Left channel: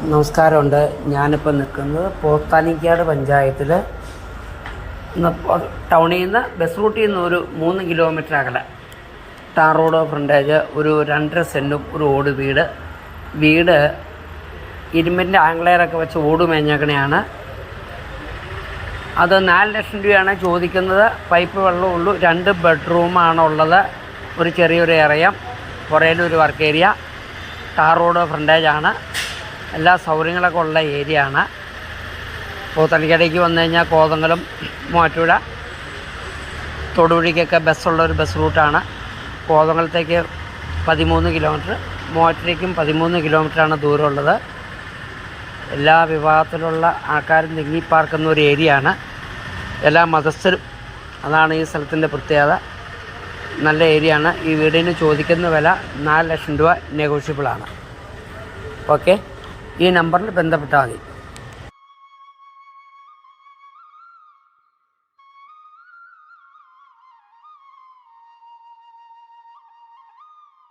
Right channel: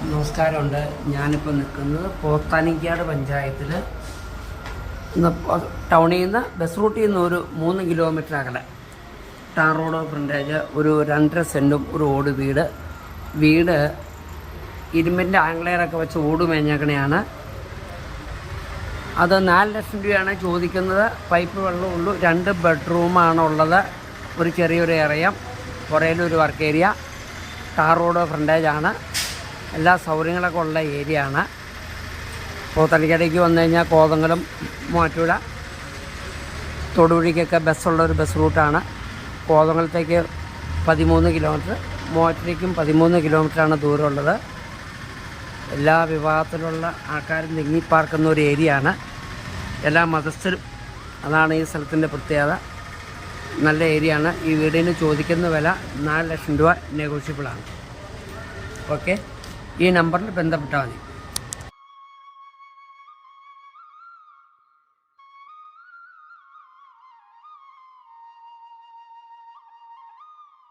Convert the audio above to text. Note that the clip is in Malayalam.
നമസ്കാരമുണ്ട്. ഞാനിപ്പോൾ നിൽക്കുന്നത് പോത്താനിക്കാട് പഞ്ചായത്തിൽ ടൗണിൽ നിന്ന് ബസ് റൂട്ടിൽ നിന്ന് ഒരു 3 കിലോമീറ്റർ അകലെ ടാർ റോഡ് ഫ്രണ്ടേജ് ഒരു 2.5 സെൻറ്റും ഒരു ഓട് വീട് ഇരുമ്പിൻ്റെ ആംഗ്ലെയറൊക്കെ വെച്ച് ഓട് മേഞ്ഞേക്കണെയാണ്. അത് 4 ലക്ഷം രൂപയാണ് ചോദിക്കുന്നത്. പൈപ്പ് വെള്ളമുള്ളൂ. 2 ബെഡ്റൂമാണുള്ളത്. ഒരു ചെറിയൊരു ഏറിയം, പുറയിലൊരു വർക്ക് ഏരിയ, ടാർ റോഡ് ഫ്രണ്ടേജാണ്. എല്ലാ സൗകര്യങ്ങളൊക്കെ ഉള്ള ഏരിയ ആണ്. പോത്തനിക്കാടേക്ക് വന്നു കഴിഞ്ഞാൽ കോതങ്കലം, മൂവാറ്റുപുഴ, തൊടുപുഴയ്ക്കൊക്കെ ബസ്സുള്ളൊരു ബസ് റൂട്ടാണ്. കോതങ്കലത്തേക്ക് 13 കിലോമീറ്റർ, മൂവാറ്റുപുഴയ്ക്കും 13 കിലോമീറ്ററാണ് ദൂരമുള്ളത്. എല്ലാ വിഭാഗത്തിലുള്ള ആൾക്കാരും തിങ്ങിപ്പാർക്കുന്ന ഒരു ഏരിയ ആണ്. എല്ലാ മതസ്ഥരും, അതാണ് ഈ സ്ഥലത്തിൻ്റെ പ്രത്യേകത. നല്ല ഏരിയ ആണ്. ഈ വീടിന് ചോദിക്കുന്ന വില 4 ലക്ഷം രൂപ നെഗോഷ്യബിളാണ്. ഓക്കെ, ഈ നമ്പറിൽ ബന്ധപ്പെട്ടാൽ മതി.